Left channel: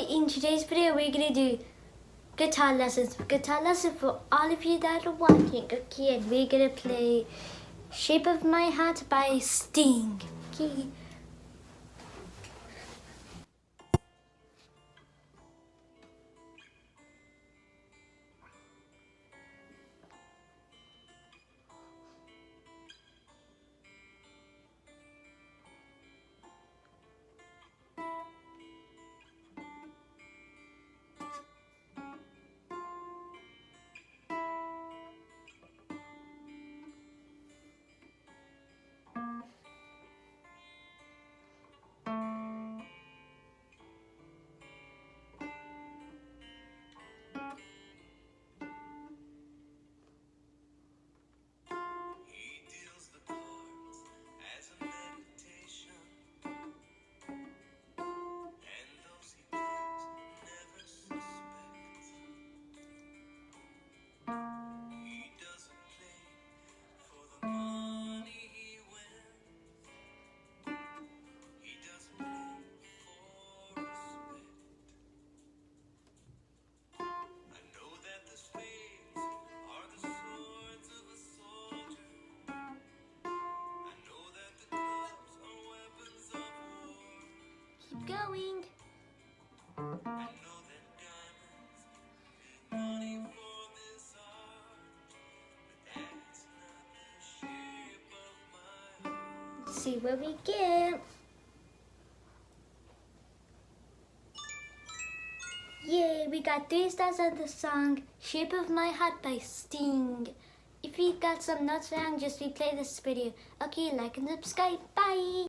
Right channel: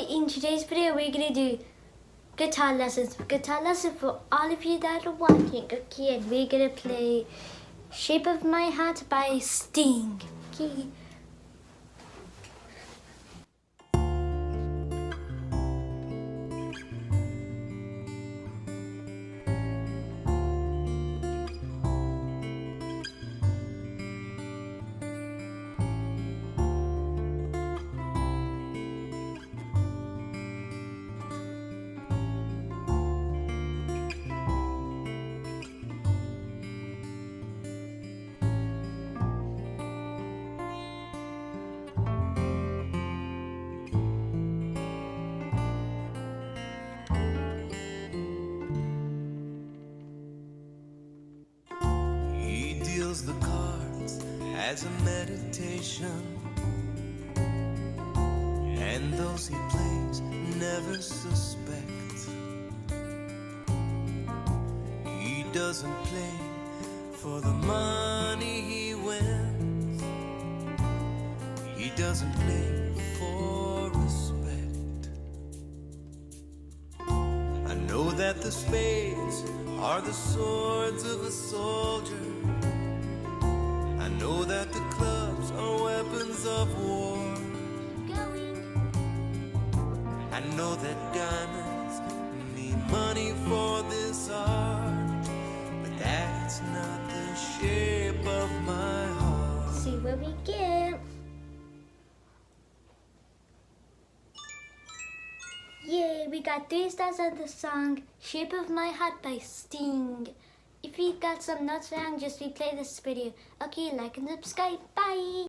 Okay, in today's video we're gonna do guitar lessons. Guitar lesson for all of you that are watching. Okay, and we're gonna play Shape of My Heart by Sting. Okay. The cards as a meditation, and those he plays never suspect. He doesn't play for the money he wins. He doesn't play for respect. I know that the spades are the swords of a soldier. I know that the clubs are weapons of war. Going. I know that diamonds need money for this art, but that's not the shape of my heart. See where we get. Yay, we got 3 stars on the song Shape of My Heart by Sting. If you got some notes down, just replay this video. Okay, like and subscribe. Bye.